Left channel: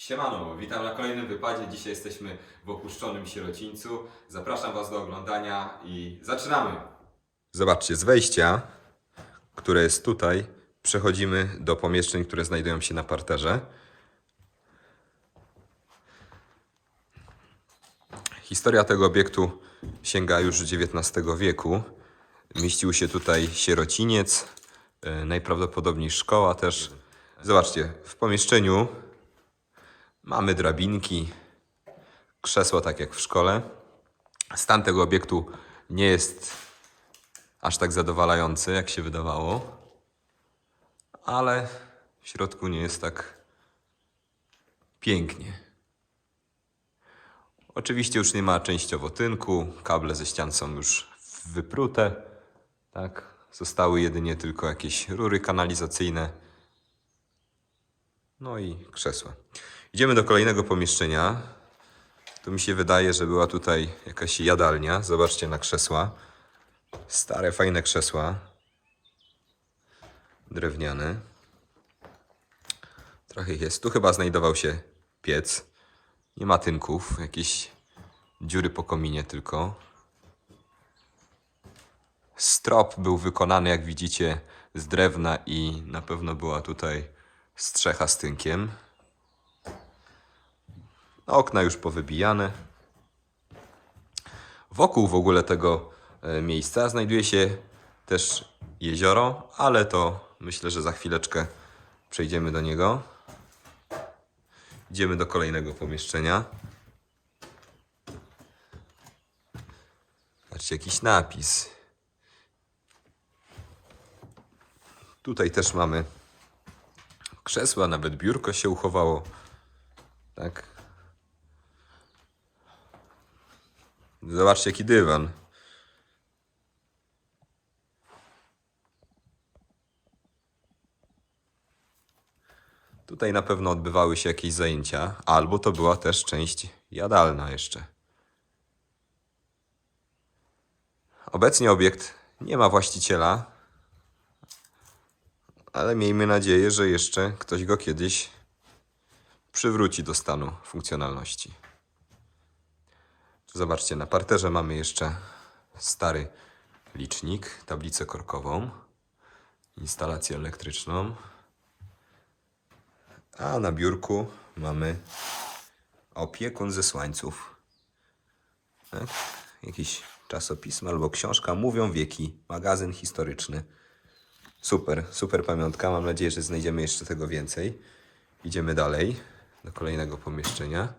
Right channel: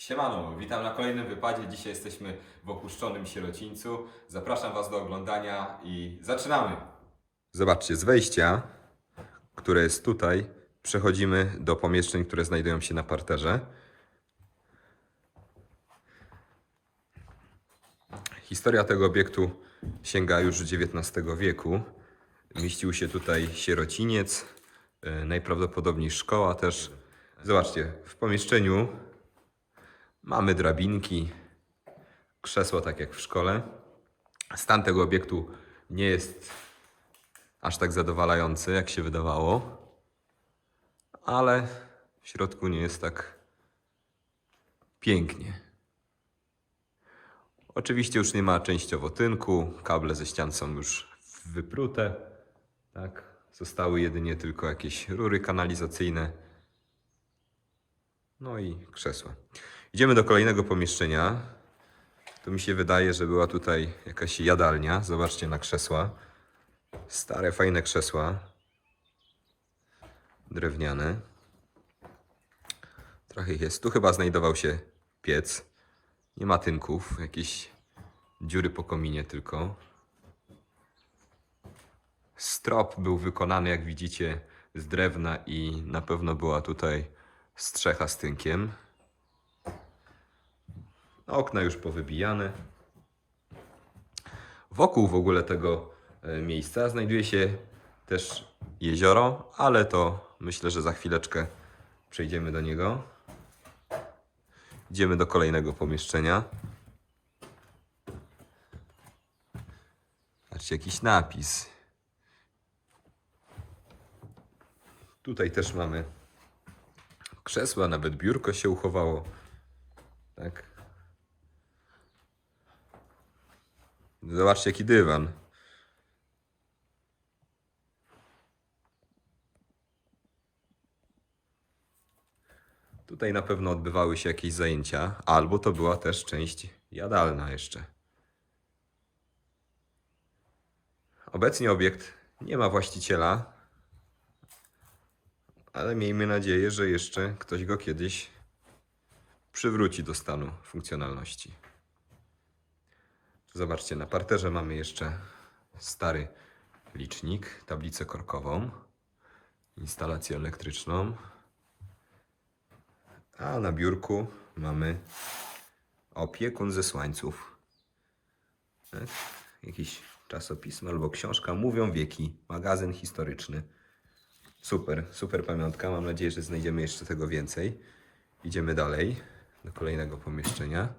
Siemano, witam na kolejnym wypadzie. Dzisiaj jesteśmy w opuszczonym sierocińcu. Zapraszam Was do oglądania i zaczynamy! Zobaczcie, z wejścia, które jest tutaj, przechodzimy do pomieszczeń, które znajdują się na parterze. Historia tego obiektu sięga już XIX wieku. Mieścił się tutaj sierociniec, e, najprawdopodobniej szkoła też. Zobaczcie, w pomieszczeniu mamy drabinki, krzesła tak jak w szkole. Stan tego obiektu nie jest aż tak zadowalający, jak się wydawało, ale w środku nie jest tak pięknie. Oczywiście już nie ma częściowo tynku, kable ze ścian są już wyprute, tak? Zostały jedynie tylko jakieś rury kanalizacyjne, no i krzesła. Idziemy do kolejnego pomieszczenia. Tu mi się wydaje, że była tutaj jakaś jadalnia. Zobaczcie na krzesła. Stare, fajne krzesła. Drewniane. Trochę ich jest. Tu chyba znajdował się piec. Nie ma tynków, jakieś dziury po kominie tylko. Strop był wykonany, jak widzicie, z drewna i na pewno była tutaj strzecha z tynkiem. Okna już powybijane. Wokół w ogóle tego e, miejsca znajduje się też jezioro, ale to myślę, że za chwileczkę przejdziemy do niego. Idziemy do kolejnego pomieszczenia. Patrzcie, jakiś napis. Tutaj też mamy krzesła, nawet biurko się uchowało. Tak. Zobaczcie, jaki dywan. Tutaj na pewno odbywały się jakieś zajęcia, albo to była też część jadalna jeszcze. Obecnie obiekt nie ma właściciela, ale miejmy nadzieję, że jeszcze ktoś go kiedyś przywróci do stanu funkcjonalności. Zobaczcie, na parterze mamy jeszcze stary licznik, tablicę korkową, instalację elektryczną, a na biurku mamy opiekun ze słańców. Tak? Jakiś czasopismo albo książka, mówią wieki, magazyn historyczny. Super, super pamiątka. Mam nadzieję, że znajdziemy jeszcze tego więcej. Idziemy dalej do kolejnego pomieszczenia.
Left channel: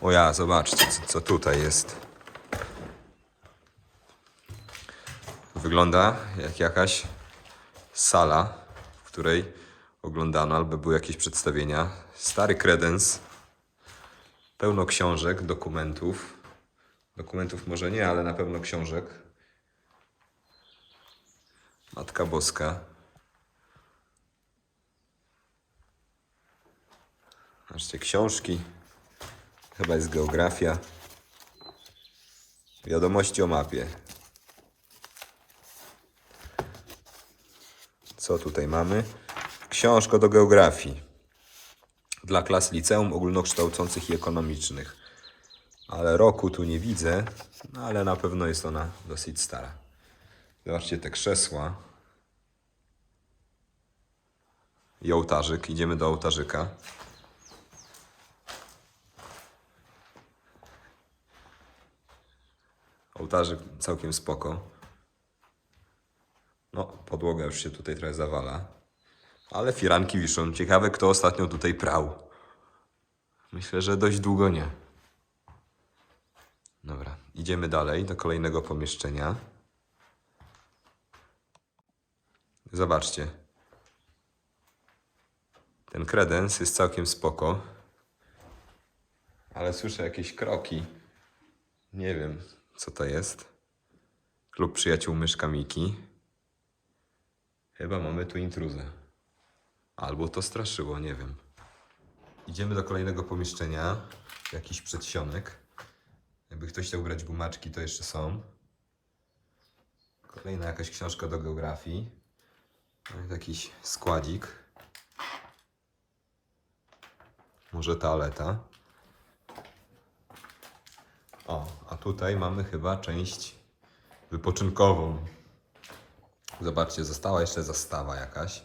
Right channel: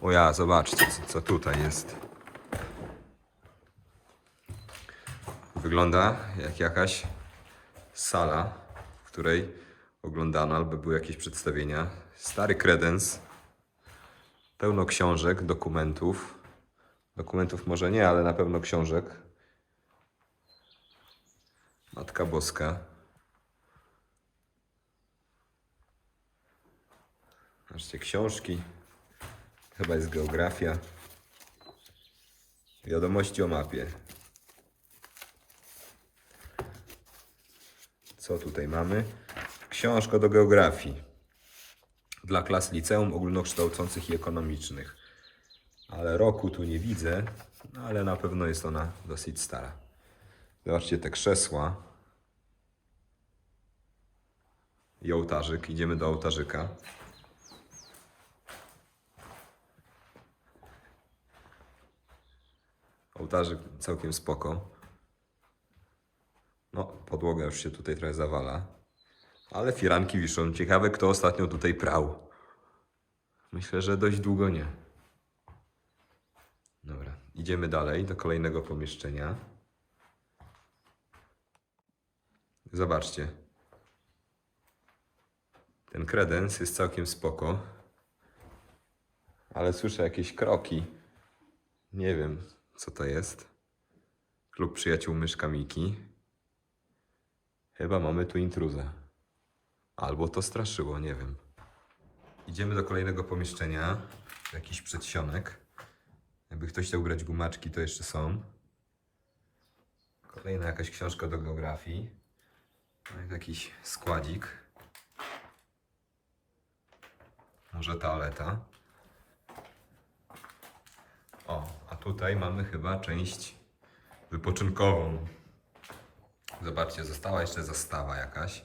O ja, zobaczcie, co, co tutaj jest. Wygląda jak jakaś sala, w której oglądano albo były jakieś przedstawienia. Stary kredens, pełno książek, dokumentów. Dokumentów może nie, ale na pewno książek. Matka Boska. Zobaczcie, książki. Chyba jest geografia. Wiadomości o mapie. Co tutaj mamy? Książka do geografii. Dla klas liceum ogólnokształcących i ekonomicznych. Ale roku tu nie widzę, no ale na pewno jest ona dosyć stara. Zobaczcie te krzesła. I ołtarzyk. Idziemy do ołtarzyka. Ołtarzyk całkiem spoko. No, podłoga już się tutaj trochę zawala. Ale firanki wiszą. Ciekawe, kto ostatnio tutaj prał. Myślę, że dość długo nie. Dobra, idziemy dalej do kolejnego pomieszczenia. Zobaczcie. Ten kredens jest całkiem spoko. Ale słyszę jakieś kroki. Nie wiem, co to jest. Klub przyjaciół myszka Miki. Chyba mamy tu intruzę. Albo to straszyło, nie wiem. Idziemy do kolejnego pomieszczenia. Jakiś przedsionek. Jakby ktoś chciał grać gumaczki, to jeszcze są. Kolejna jakaś książka do geografii. No i jakiś składzik. Może toaleta. O, a tutaj mamy chyba część wypoczynkową. Zobaczcie, została jeszcze zastawa jakaś.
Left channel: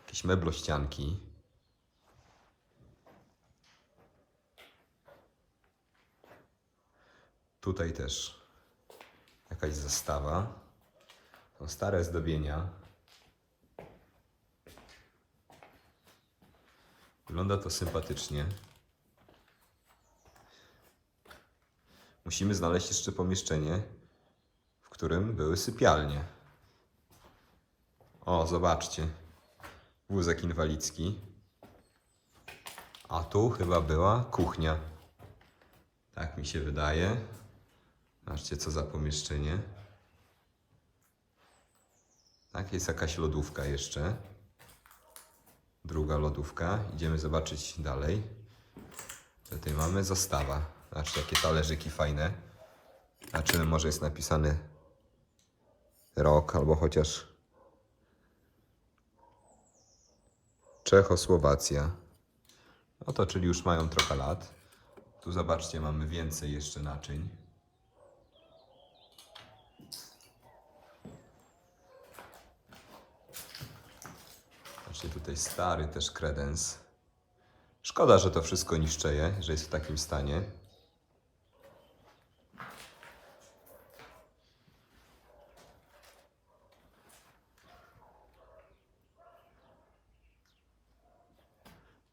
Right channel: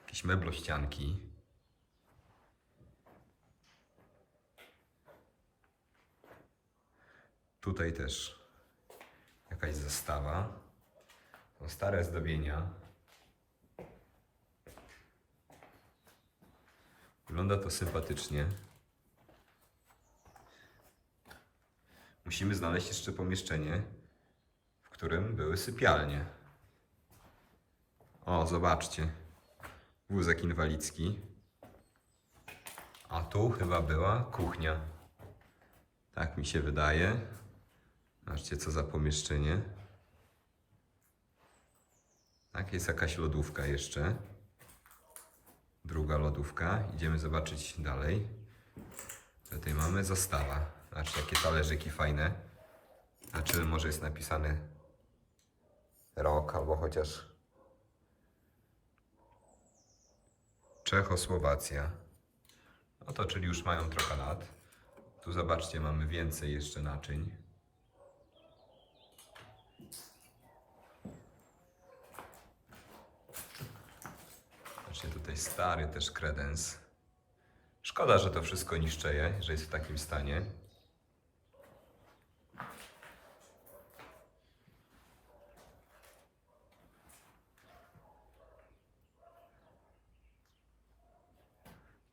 Jakieś meblościanki. Tutaj też jakaś zastawa. Są stare zdobienia. Wygląda to sympatycznie. Musimy znaleźć jeszcze pomieszczenie, w którym były sypialnie. O, zobaczcie. Wózek inwalidzki. A tu chyba była kuchnia. Tak mi się wydaje. Zobaczcie, co za pomieszczenie. Tak, jest jakaś lodówka jeszcze. Druga lodówka. Idziemy zobaczyć dalej. Tutaj mamy zastawa. Zobaczcie, jakie talerzyki fajne. Zobaczymy, może jest napisany rok, albo chociaż Czechosłowacja. No to czyli już mają trochę lat. Tu zobaczcie, mamy więcej jeszcze naczyń. Zobaczcie, tutaj stary też kredens. Szkoda, że to wszystko niszczeje, że jest w takim stanie.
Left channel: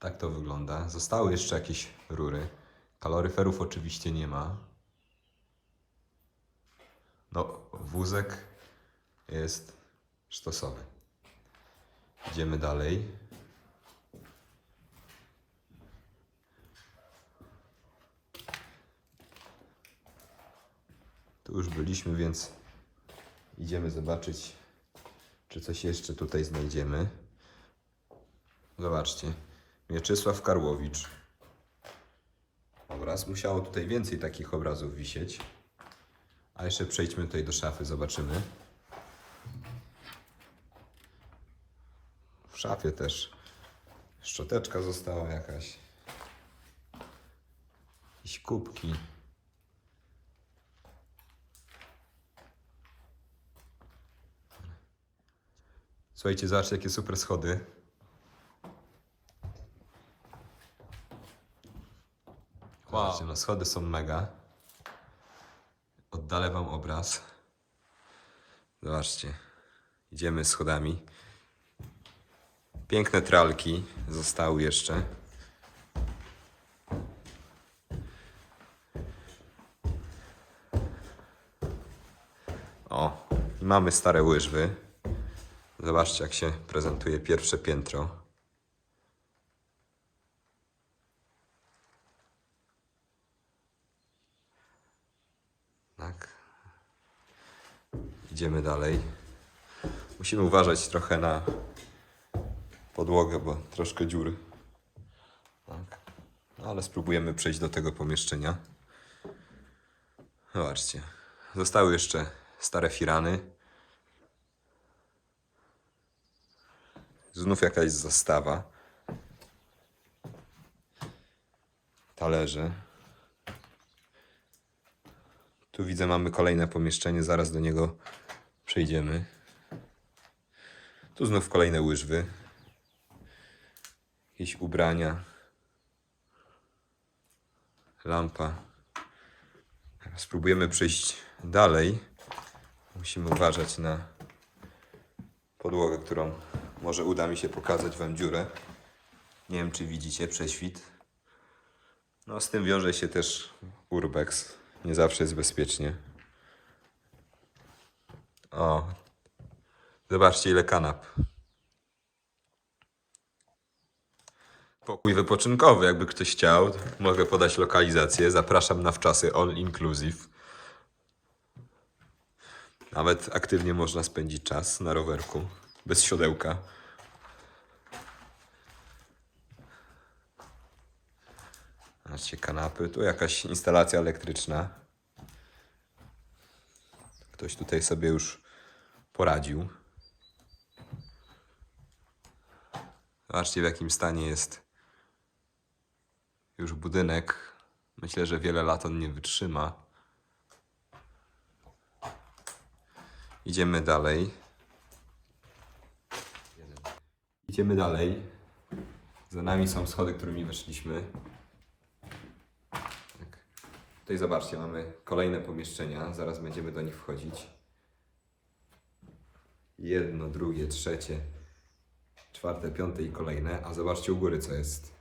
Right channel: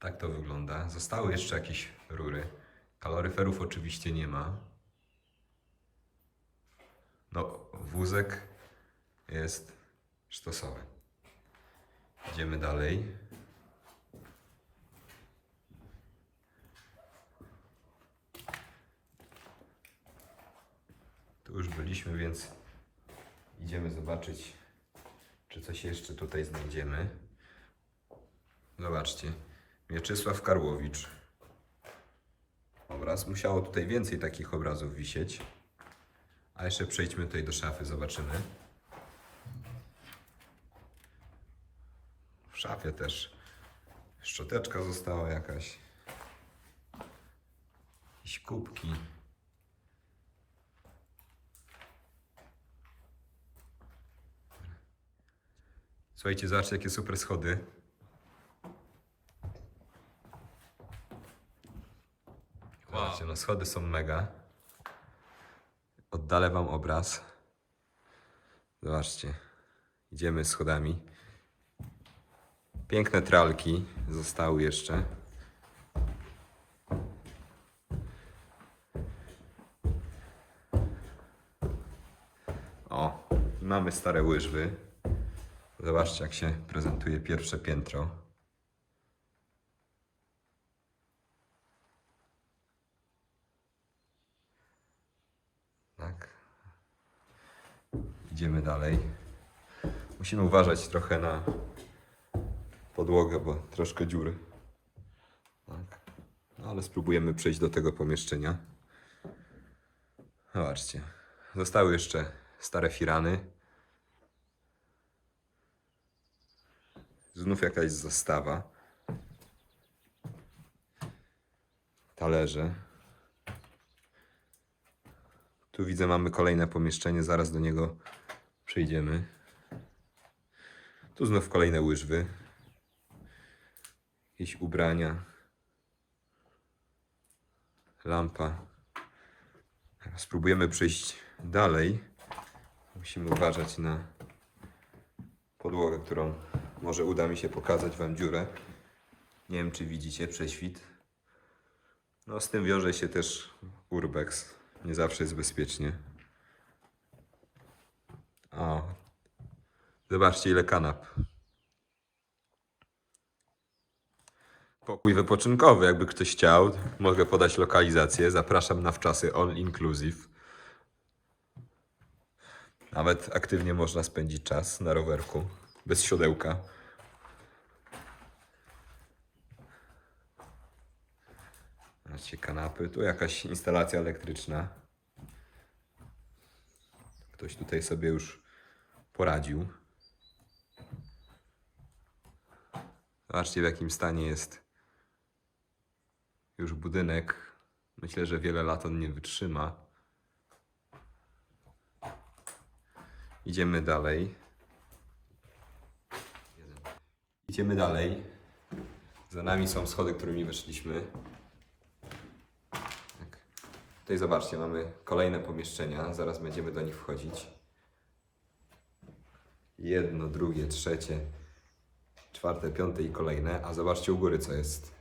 Tak to wygląda. Zostały jeszcze jakieś rury. Kaloryferów oczywiście nie ma. No, wózek jest sztosowy. Idziemy dalej. Tu już byliśmy, więc idziemy zobaczyć, czy coś jeszcze tutaj znajdziemy. Zobaczcie. Mieczysław Karłowicz. Obraz. Musiało tutaj więcej takich obrazów wisieć. A jeszcze przejdźmy tutaj do szafy, zobaczymy. W szafie też szczoteczka została jakaś. Jakieś kubki. Słuchajcie, zobaczcie jakie super schody. Zobaczcie, schody są mega. Oddalę wam obraz. Zobaczcie. Idziemy schodami. Piękne tralki zostały jeszcze. O, mamy stare łyżwy. Zobaczcie, jak się prezentuje pierwsze piętro. Idziemy dalej. Musimy uważać trochę na podłogę, bo troszkę dziury. Tak. No, ale spróbujemy przejść do tego pomieszczenia. Zobaczcie. Zostały jeszcze stare firany. Znów jakaś zastawa. Talerze. Tu widzę, mamy kolejne pomieszczenie, zaraz do niego przejdziemy. Tu znów kolejne łyżwy. Jakieś ubrania. Lampa. Spróbujemy przejść dalej. Musimy uważać na podłogę, którą może uda mi się pokazać Wam dziurę. Nie wiem, czy widzicie prześwit. No, z tym wiąże się też urbex. Nie zawsze jest bezpiecznie. O, zobaczcie ile kanap. Pokój wypoczynkowy, jakby ktoś chciał. Mogę podać lokalizację. Zapraszam na wczasy all inclusive. Nawet aktywnie można spędzić czas na rowerku, bez siodełka. Zobaczcie, kanapy. Tu jakaś instalacja elektryczna. Ktoś tutaj sobie już poradził. Zobaczcie, w jakim stanie jest już budynek. Myślę, że wiele lat on nie wytrzyma. Idziemy dalej. Idziemy dalej. Za nami są schody, którymi weszliśmy. Tak. Tutaj zobaczcie, mamy kolejne pomieszczenia. Zaraz będziemy do nich wchodzić. Jedno, drugie, trzecie, czwarte, piąte i kolejne. A zobaczcie u góry, co jest.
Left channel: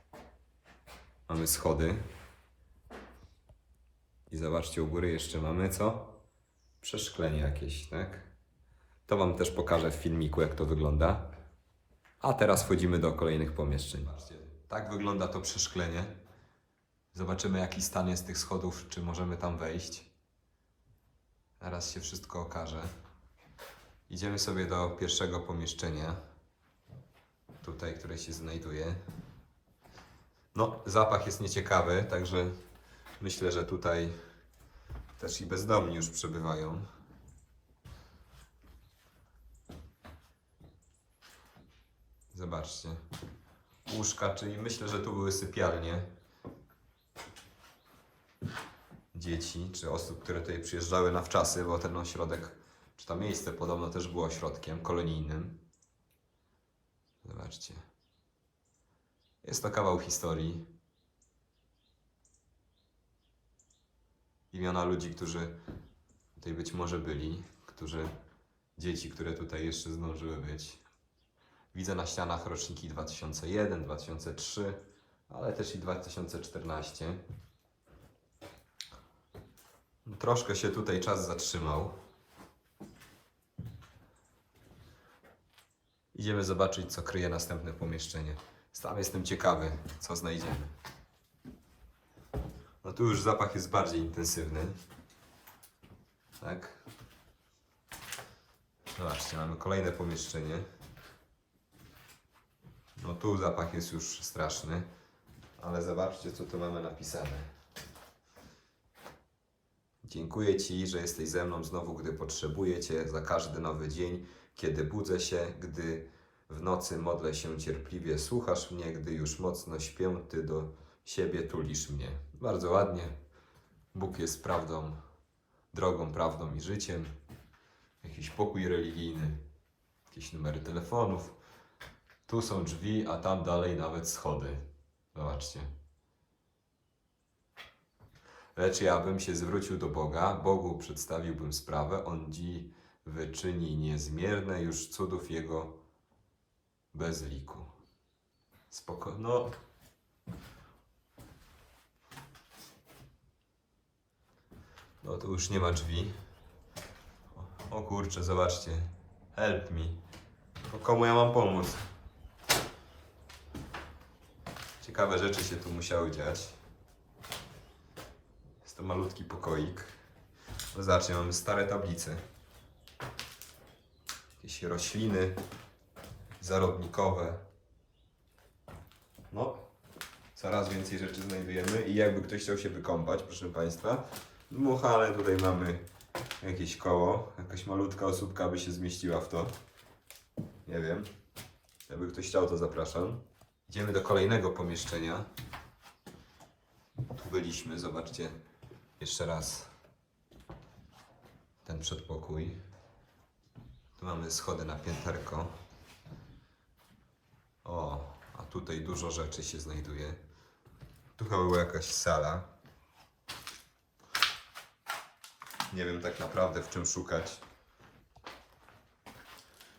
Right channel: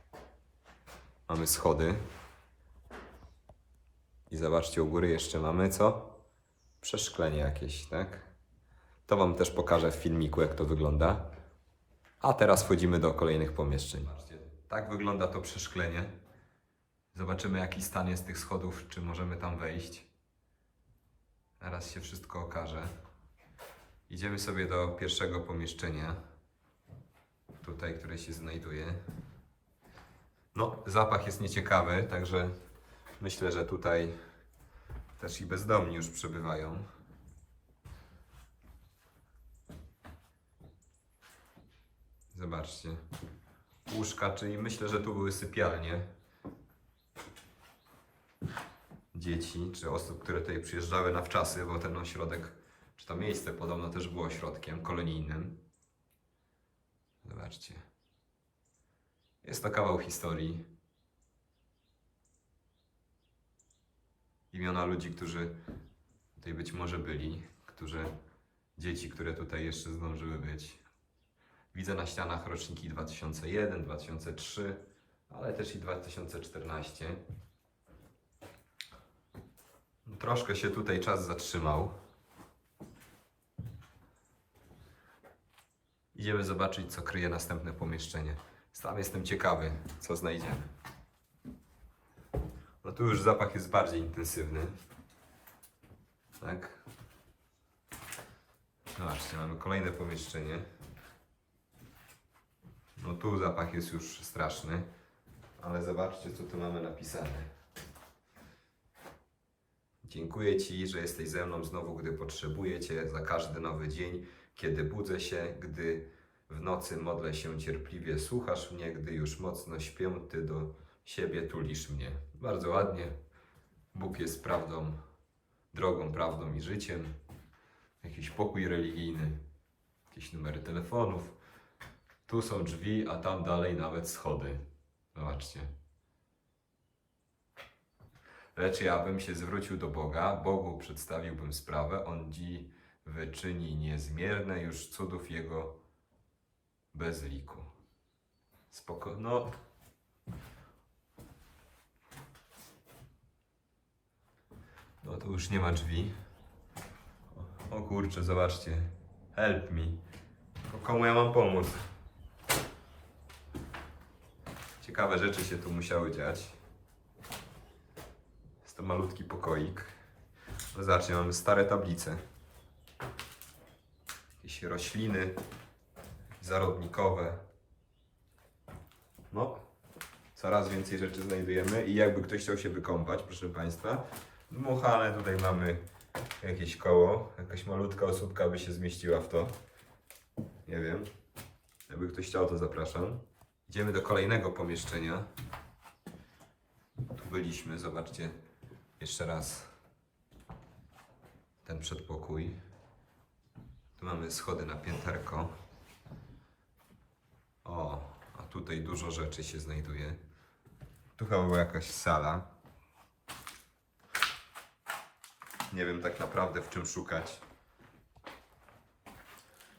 Mamy schody. I zobaczcie, u góry jeszcze mamy co? Przeszklenie jakieś, tak? To Wam też pokażę w filmiku, jak to wygląda. A teraz wchodzimy do kolejnych pomieszczeń. Tak wygląda to przeszklenie. Zobaczymy, jaki stan jest tych schodów, czy możemy tam wejść. Zaraz się wszystko okaże. Idziemy sobie do pierwszego pomieszczenia. Tutaj, które się znajduje. No, zapach jest nieciekawy, także myślę, że tutaj też i bezdomni już przebywają. Zobaczcie. Łóżka, czyli myślę, że tu były sypialnie dzieci, czy osób, które tutaj przyjeżdżały na wczasy, bo ten ośrodek, to miejsce podobno też było ośrodkiem kolonijnym. Zobaczcie. Jest to kawał historii. Imiona ludzi, którzy tutaj być może byli, którzy, dzieci, które tutaj jeszcze zdążyły być. Widzę na ścianach roczniki 2001, 2003, ale też i 2014. Troszkę się tutaj czas zatrzymał. Idziemy zobaczyć, co kryje następne pomieszczenie. Sam jestem ciekawy, co znajdziemy. No tu już zapach jest bardziej intensywny. Tak. Zobaczcie, mamy kolejne pomieszczenie. No tu zapach jest już straszny. Ale zobaczcie, co tu mamy napisane. Dziękuję Ci, że jesteś ze mną znowu, gdy potrzebuję Cię, za każdy nowy dzień, kiedy budzę się, gdy w nocy modlę się cierpliwie, słuchasz mnie, gdy już mocno śpię, Ty do siebie tulisz mnie. Bardzo ładnie. Bóg jest prawdą, drogą, prawdą i życiem. Jakiś pokój religijny, jakieś numery telefonów. Tu są drzwi, a tam dalej nawet schody. Zobaczcie. Lecz ja bym się zwrócił do Boga, Bogu przedstawiłbym sprawę, On dzi wyczyni niezmierne już cudów Jego bez liku. Spoko... No... No tu już nie ma drzwi. O, o kurczę, zobaczcie. Help me. Tylko komu ja mam pomóc? Ciekawe rzeczy się tu musiały dziać. Jest to malutki pokoik. No zobaczcie, mamy stare tablice. Jakieś rośliny zarodnikowe. No, coraz więcej rzeczy znajdujemy i jakby ktoś chciał się wykąpać, proszę Państwa, dmuchane tutaj mamy jakieś koło, jakaś malutka osóbka by się zmieściła w to. Nie wiem. Jakby ktoś chciał, to zapraszam. Idziemy do kolejnego pomieszczenia. Tu byliśmy, zobaczcie jeszcze raz ten przedpokój. Mamy schody na pięterko. O, a tutaj dużo rzeczy się znajduje. Tu chyba była jakaś sala. Nie wiem tak naprawdę w czym szukać.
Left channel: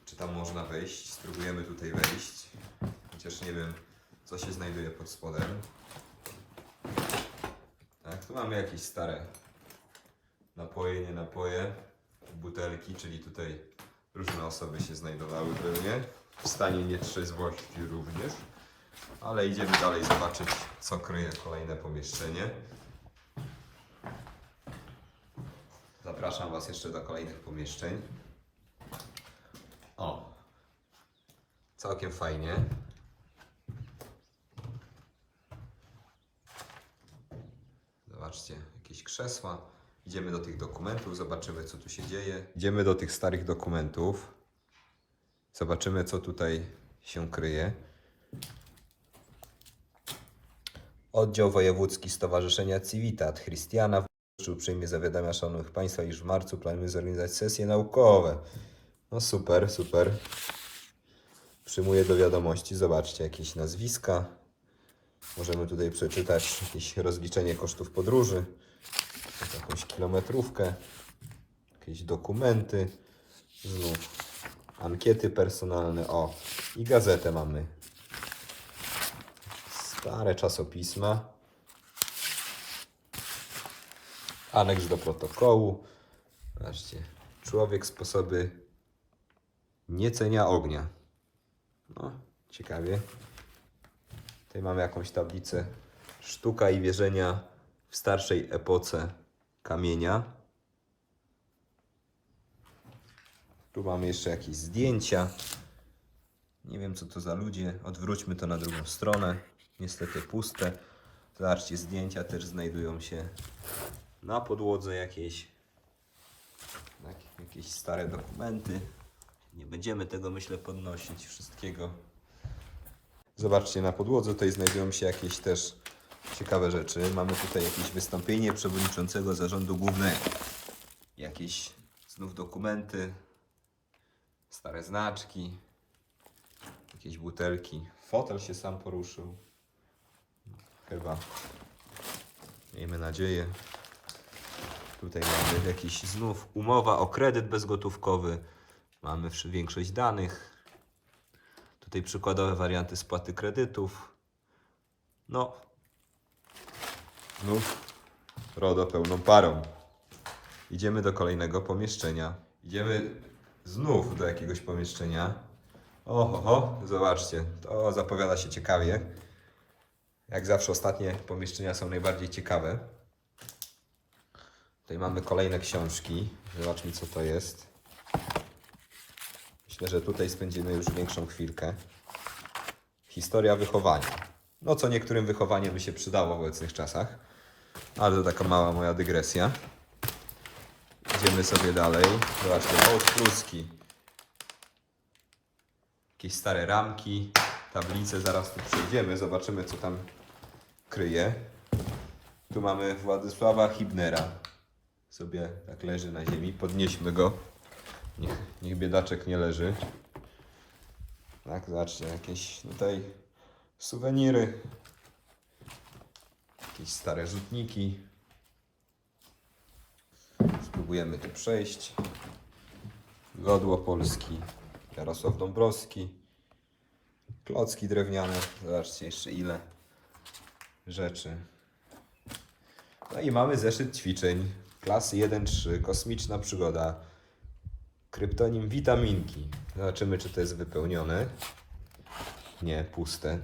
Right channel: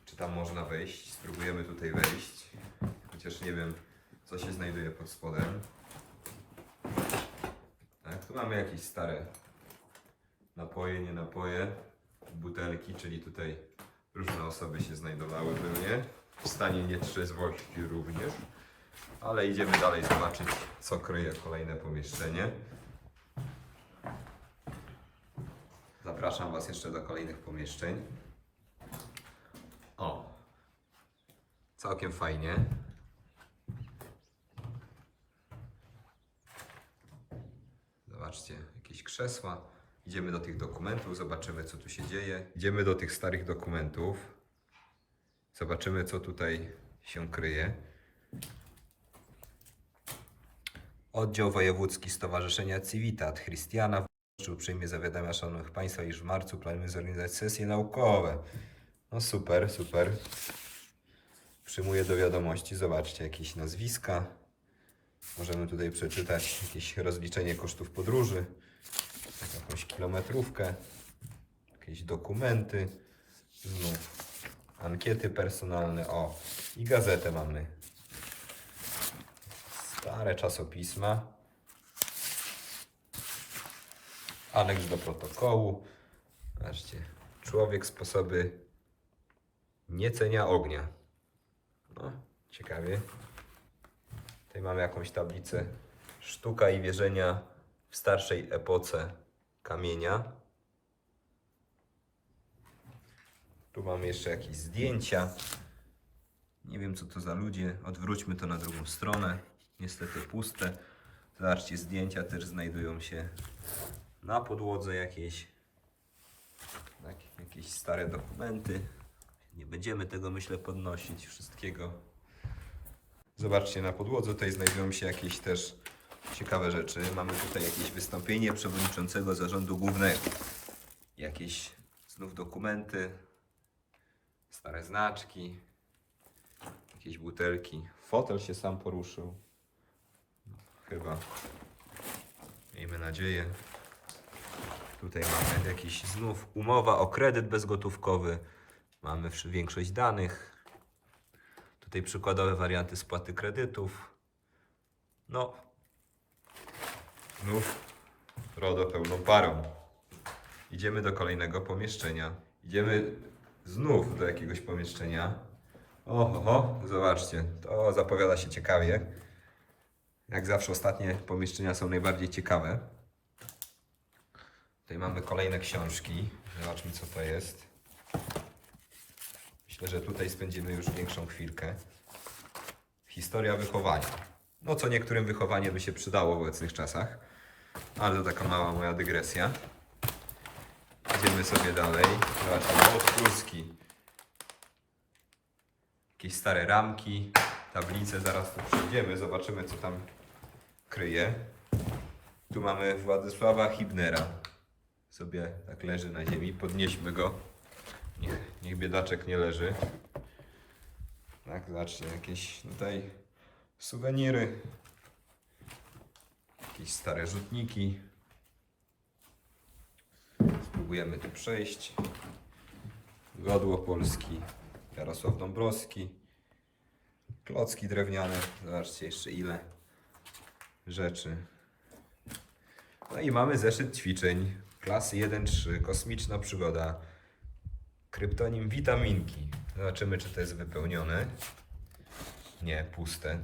Czy tam można wejść? Spróbujemy tutaj wejść. Chociaż nie wiem, co się znajduje pod spodem. Tak, tu mamy jakieś stare napoje, nie napoje, butelki, czyli tutaj różne osoby się znajdowały pewnie. W stanie nietrzeźwości również. Ale idziemy dalej zobaczyć, co kryje kolejne pomieszczenie. Zapraszam Was jeszcze do kolejnych pomieszczeń. O, całkiem fajnie. Zobaczcie, jakieś krzesła. Idziemy do tych dokumentów, zobaczymy co tu się dzieje. Idziemy do tych starych dokumentów. Zobaczymy co tutaj się kryje. Oddział Wojewódzki Stowarzyszenia Civitat Christiana w uprzejmie zawiadamia szanownych Państwa, iż w marcu planujemy zorganizować sesje naukowe. No super, super. Przyjmuję do wiadomości, zobaczcie, jakieś nazwiska. Możemy tutaj przeczytać jakieś rozliczenie kosztów podróży, jakąś kilometrówkę, jakieś dokumenty, znów ankiety personalne, o i gazetę mamy. Stare czasopisma. Aneks do protokołu. Zobaczcie, człowiek sposoby niecenia ognia. No, ciekawie. Tutaj mamy jakąś tablicę. Sztuka i wierzenia w starszej epoce kamienia. Tu mamy jeszcze jakieś zdjęcia. Nie wiem co to za ludzie. Odwróćmy to na drugą stronę. Niestety puste. Zobaczcie, zdjęcia też znajdują się na podłodze jakieś. Tak, jakieś stare dokumenty. Nie będziemy tego myślę podnosić wszystkiego. Zobaczcie, na podłodze tutaj znajdują się jakieś też ciekawe rzeczy. Mamy tutaj jakieś wystąpienie przewodniczącego zarządu głównego. Jakieś znów dokumenty, stare znaczki, jakieś butelki. Fotel się sam poruszył. Chyba. Miejmy nadzieję. Tutaj mamy jakiś znów umowa o kredyt bezgotówkowy. Mamy większość danych. Tutaj przykładowe warianty spłaty kredytów. No. Znów RODO pełną parą. Idziemy do kolejnego pomieszczenia. Idziemy znów do jakiegoś pomieszczenia. Oho, ho, zobaczcie, to zapowiada się ciekawie. Jak zawsze ostatnie pomieszczenia są najbardziej ciekawe. Tutaj mamy kolejne książki. Zobaczmy co to jest. Myślę, że tutaj spędzimy już większą chwilkę. Historia wychowania. No co niektórym wychowanie by się przydało w obecnych czasach. Ale to taka mała moja dygresja. Idziemy sobie dalej. Zobaczcie, od pruski. Jakieś stare ramki, tablice, zaraz tu przejdziemy, zobaczymy co tam kryje. Tu mamy Władysława Hibnera. Sobie tak leży na ziemi, podnieśmy go. Niech, niech biedaczek nie leży. Tak, zobaczcie, jakieś tutaj suweniry. Jakieś stare rzutniki. Spróbujemy tu przejść. Godło Polski, Jarosław Dąbrowski, klocki drewniane, zobaczcie jeszcze ile rzeczy. No i mamy zeszyt ćwiczeń klasy 1-3, kosmiczna przygoda, kryptonim witaminki. Zobaczymy czy to jest wypełnione. Nie, puste.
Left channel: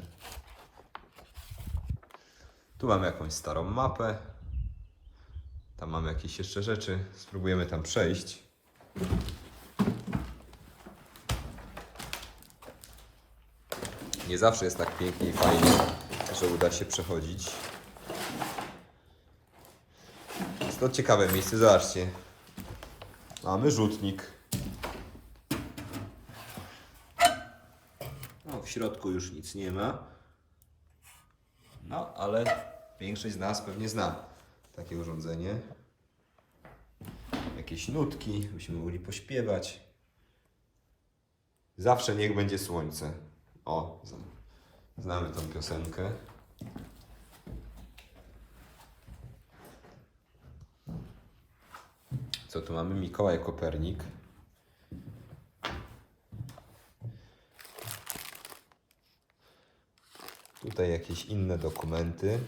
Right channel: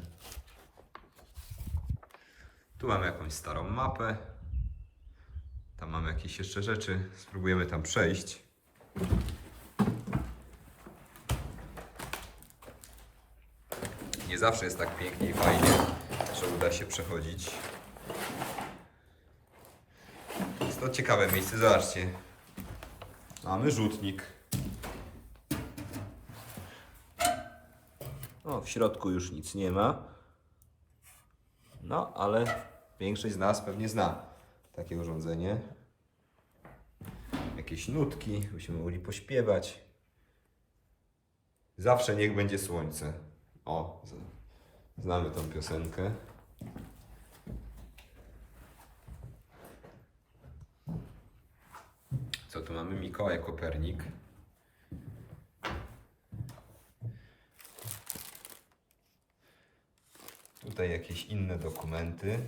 Tu mamy jakąś starą mapę. Tam mamy jakieś jeszcze rzeczy. Spróbujemy tam przejść. Nie zawsze jest tak pięknie i fajnie, że uda się przechodzić. Jest to ciekawe miejsce, zobaczcie. Mamy rzutnik. O, w środku już nic nie ma. No, ale większość z nas pewnie zna takie urządzenie. Jakieś nutki, byśmy mogli pośpiewać. Zawsze niech będzie słońce. O, znamy tą piosenkę. Co tu mamy? Mikołaj Kopernik. Tutaj jakieś inne dokumenty.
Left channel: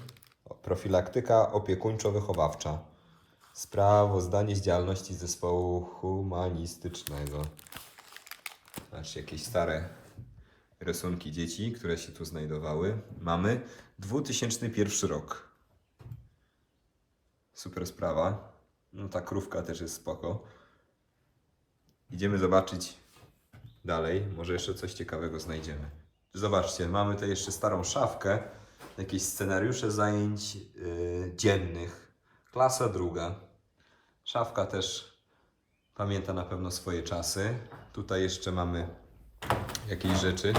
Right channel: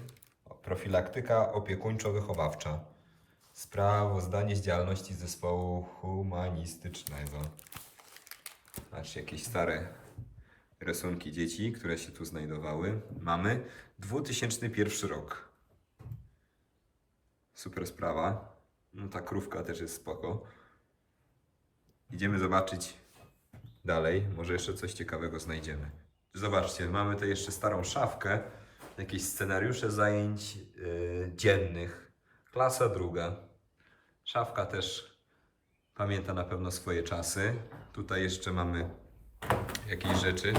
Profilaktyka opiekuńczo-wychowawcza. Sprawozdanie z działalności zespołu humanistycznego. Znaczy jakieś stare rysunki dzieci, które się tu znajdowały. Mamy 2001 rok. Super sprawa. No ta krówka też jest spoko. Idziemy zobaczyć dalej. Może jeszcze coś ciekawego znajdziemy. Zobaczcie, mamy tutaj jeszcze starą szafkę. Jakieś scenariusze zajęć yy, dziennych. Klasa druga. Szafka też pamięta na pewno swoje czasy. Tutaj jeszcze mamy jakieś rzeczy.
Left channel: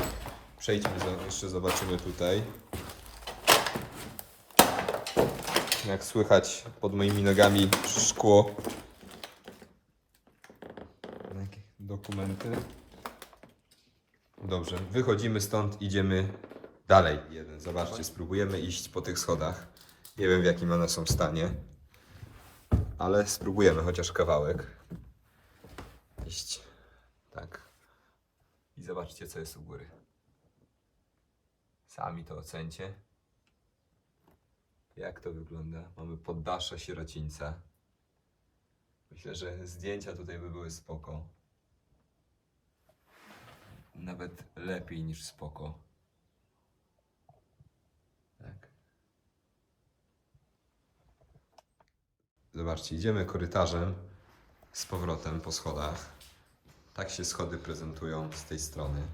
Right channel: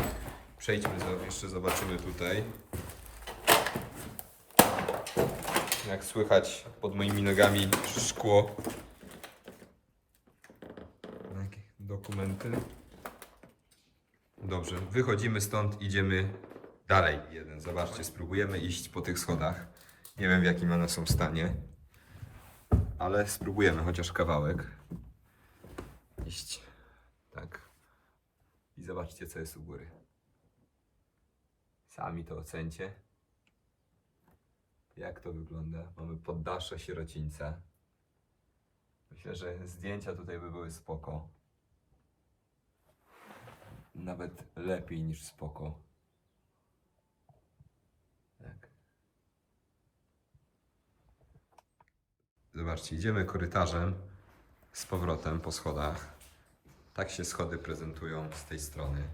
Przejdźmy, jeszcze zobaczymy tutaj. Jak słychać pod moimi nogami szkło. Dokumenty. Dobrze, wychodzimy stąd, idziemy dalej. Jeden, zobaczcie, spróbujemy iść po tych schodach. Nie wiem w jakim one są stanie, ale spróbujemy chociaż kawałek iść. Tak. I zobaczcie, co jest u góry. Sami to ocencie. Jak to wygląda? Mamy poddasze sierocińca. Myślę, że zdjęcia tutaj by były spoko. Nawet lepiej niż spoko. Tak. Zobaczcie, idziemy korytarzem z powrotem po schodach. Tak się schody prezentują z tej strony.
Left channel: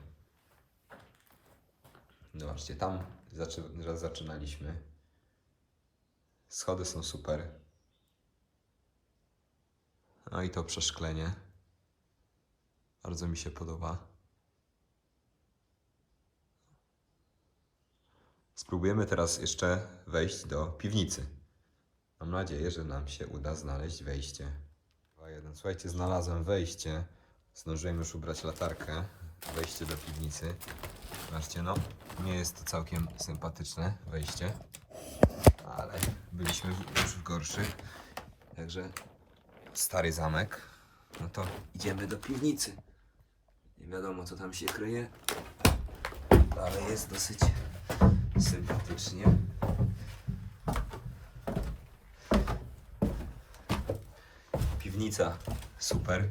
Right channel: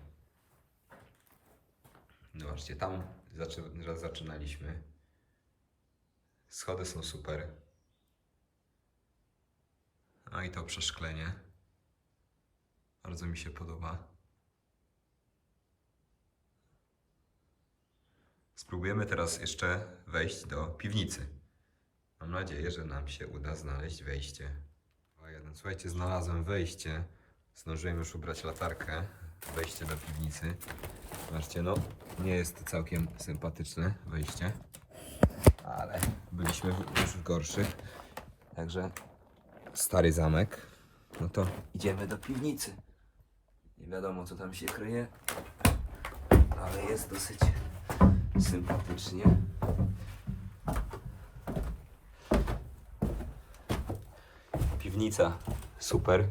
Zobaczcie, tam zaczy- zaczynaliśmy. Schody są super. No i to przeszklenie. Bardzo mi się podoba. Spróbujemy teraz jeszcze wejść do piwnicy. Mam nadzieję, że nam się uda znaleźć wejście. Dwa, jeden. Słuchajcie, znalazłem wejście. Zdążyłem już ubrać latarkę. Wejście do piwnicy. Zobaczcie, no nie jest to całkiem sympatyczne wejście, ale byliśmy już w gorszych. Także stary zamek. No to idziemy do piwnicy. Nie wiadomo, co tam się kryje, ale jest dosyć sympatycznie. Piwnica super.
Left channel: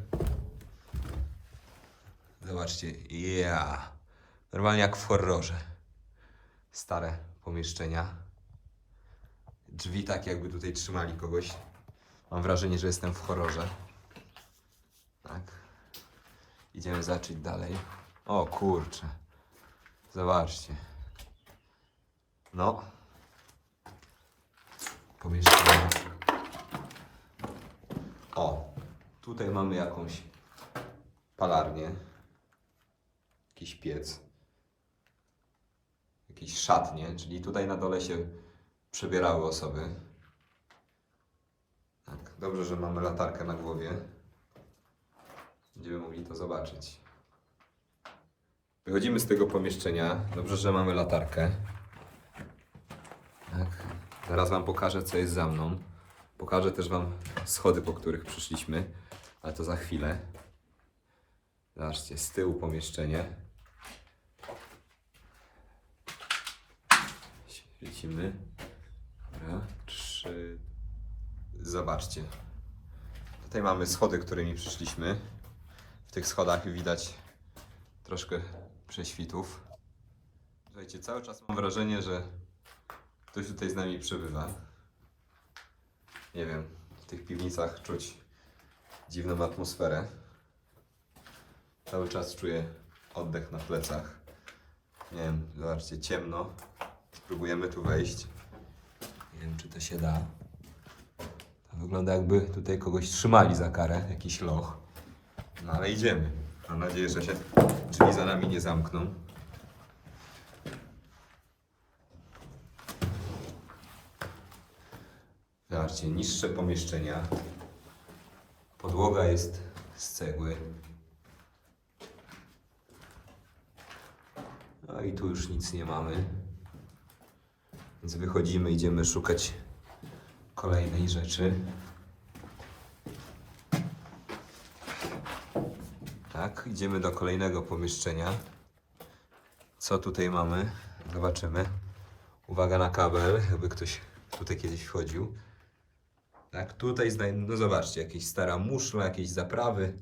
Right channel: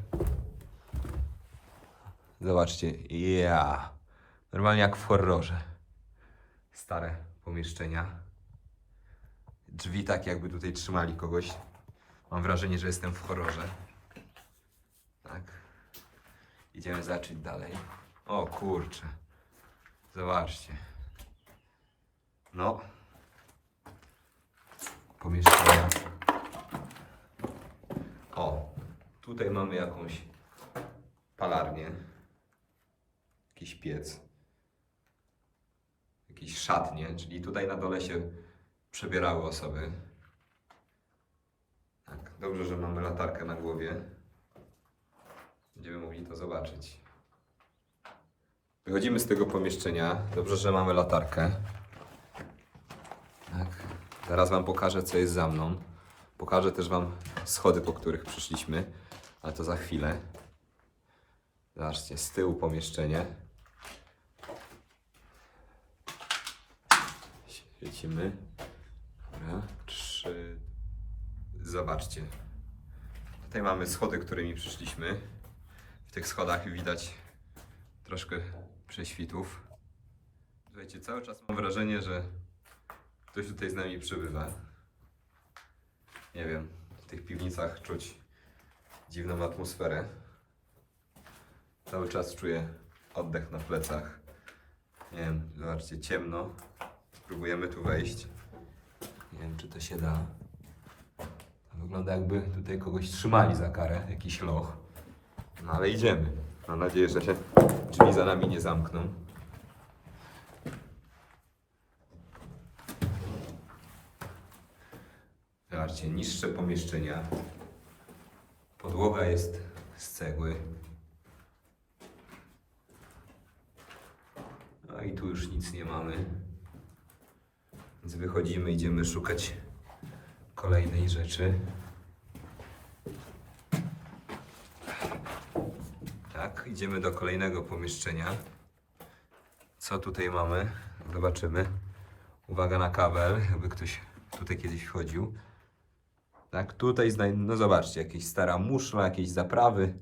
Zobaczcie, ja. Normalnie jak w horrorze. Stare pomieszczenia. Drzwi tak jakby tutaj trzymali kogoś. Mam wrażenie, że jestem w horrorze. Tak. Idziemy zacząć dalej. O kurczę. Zobaczcie. No. Pomieszczenia. O, tutaj mamy jakąś palarnię. Jakiś piec. Jakieś szatnie, czyli tutaj na dole się przebierały osoby. Tak, dobrze, że mamy latarkę na głowie. Będziemy mogli to zobaczyć. Wychodzimy z tego pomieszczenia. Dobrze, że mamy latarkę. Tak. Zaraz Wam pokażę, co jest za mną. Pokażę też Wam schody, po których przyszliśmy, ale to za chwilę. Zobaczcie, z tyłu pomieszczenie. Świecimy. Dobra, trzy. Zobaczcie. Tutaj mamy schody, którymi przyszliśmy. W tych schodach widać troszkę prześwitów. Słuchajcie, cały czas mam wrażenie, że ktoś tutaj z nami przebywa. Nie wiem, w tych piwnicach czuć dziwną atmosferę. Cały czas czuję oddech na plecach. Nie wiem, zobaczcie, ciemno. Spróbujemy tu wejść. Nie wiem, czy to się da. To wygląda jakby tutaj kogoś trzymali za karę, jakiś loch. No ale idziemy. Mam nadzieję, że się drzwi za nami nie zamkną. Zobaczcie, niższe pomieszczenia. Podłoga jest z cegły. No i tu już nic nie mamy. Więc wychodzimy, idziemy szukać kolejnej rzeczy. Tak, idziemy do kolejnego pomieszczenia. Co tutaj mamy? Zobaczymy. Uwaga na kabel, jakby ktoś tutaj kiedyś wchodził. Tak, tutaj no zobaczcie, jakieś stara muszla, jakieś zaprawy.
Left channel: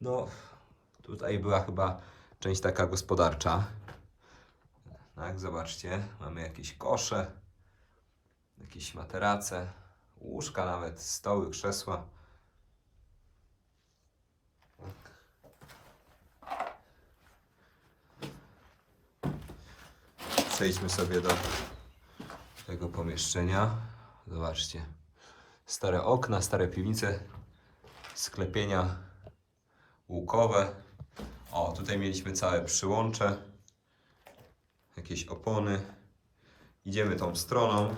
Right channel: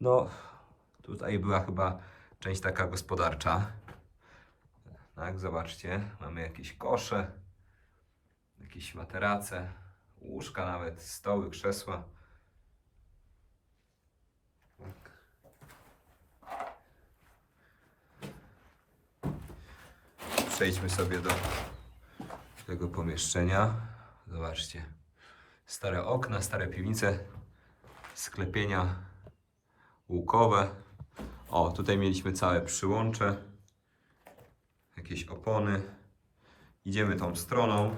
No, tutaj była chyba część taka gospodarcza. Tak, zobaczcie, mamy jakieś kosze, jakieś materace, łóżka nawet, stoły, krzesła. Tak. Przejdźmy sobie do tego pomieszczenia. Zobaczcie. Stare okna, stare piwnice, sklepienia łukowe. O, tutaj mieliśmy całe przyłącze. jakieś opony. Idziemy tą stroną.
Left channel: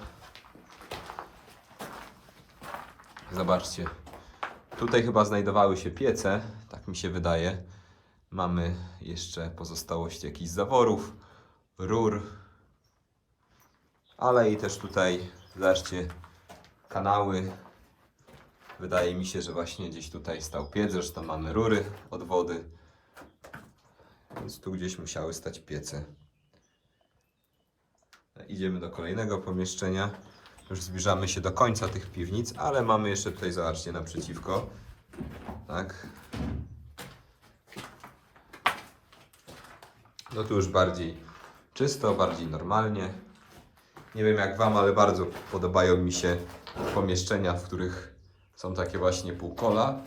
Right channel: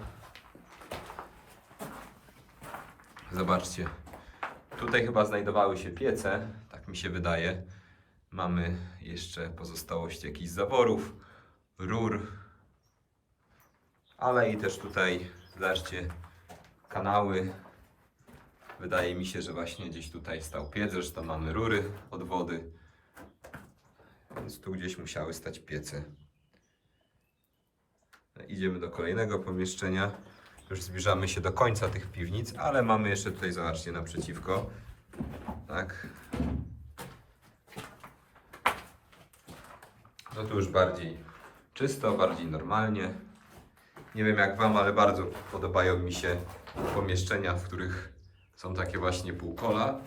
Zobaczcie. Tutaj chyba znajdowały się piece, tak mi się wydaje. Mamy jeszcze pozostałości jakichś zaworów, rur, ale i też tutaj, zobaczcie, kanały. Wydaje mi się, że właśnie gdzieś tutaj stał piec, zresztą mamy rury od wody, więc tu gdzieś musiały stać piece. Idziemy do kolejnego pomieszczenia. Już zbliżamy się do końca tych piwnic, ale mamy jeszcze tutaj, zobaczcie, naprzeciwko. Tak. No tu już bardziej czysto, bardziej normalnie. Nie wiem jak Wam, ale bardzo podobają mi się pomieszczenia, w których są takie właśnie półkola.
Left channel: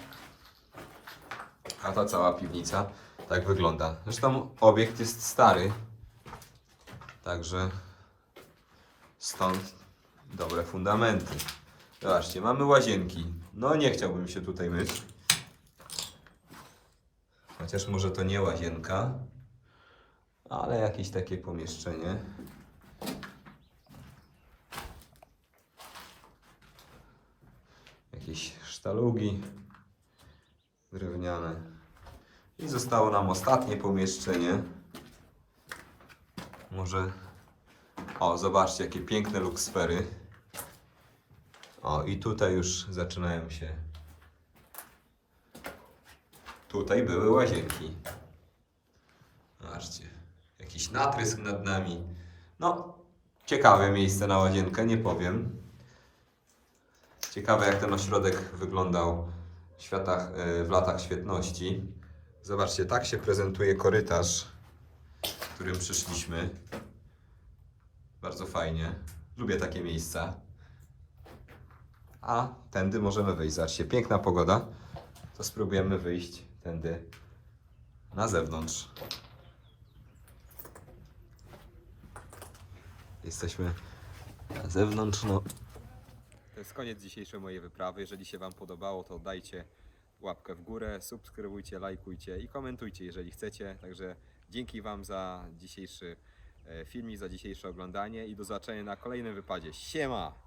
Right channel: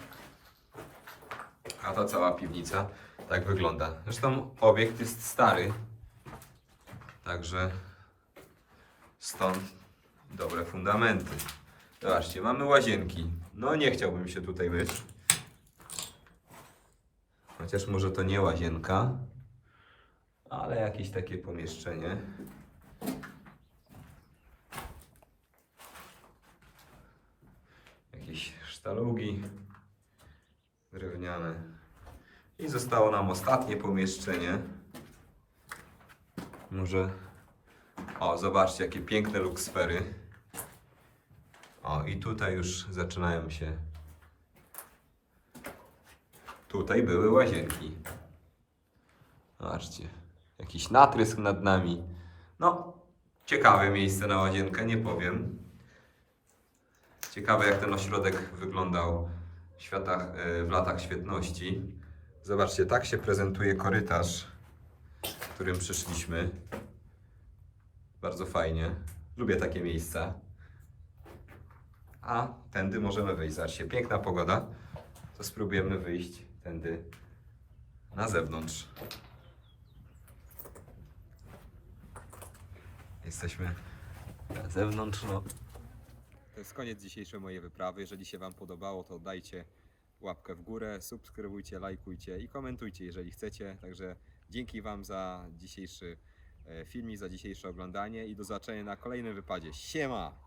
A ta cała piwnica tak wygląda. Zresztą obiekt jest stary. Także stąd dobre fundamenty. Zobaczcie, mamy łazienki. No nie chciałbym się tutaj myć. Chociaż może to nie łazienka, ale jakieś takie pomieszczenie. Jakieś sztalugi drewniane. I zostało nam ostatnie pomieszczenie. Może. O, zobaczcie, jakie piękne luksfery. O, i tutaj już zaczynają się. Tutaj były łazienki. Zobaczcie, jakiś natrysk nad nami. No, ciekawe miejsce na łazienkę, nie powiem. Ciekawe, jak ten ośrodek wyglądał w, światach, e, w latach świetności. Zobaczcie, tak się prezentuje korytarz, którym przyszliśmy. Bardzo fajnie. Lubię takie miejsca. A tędy możemy wyjść. Zobaczcie, piękna pogoda. To spróbujemy wyjść tędy na zewnątrz. Jesteśmy na zewnątrz. No. To jest koniec dzisiejszej mojej wyprawy. Jeżeli się Wam podobało, to dajcie łapkę w górę, subskrybujcie, lajkujcie i komentujcie, jeżeli chcecie. Także dzięki Wam za dzisiejszy e, filmik, za dzisiejsze oglądanie i do zobaczenia na kolejnym wypadzie. Siema!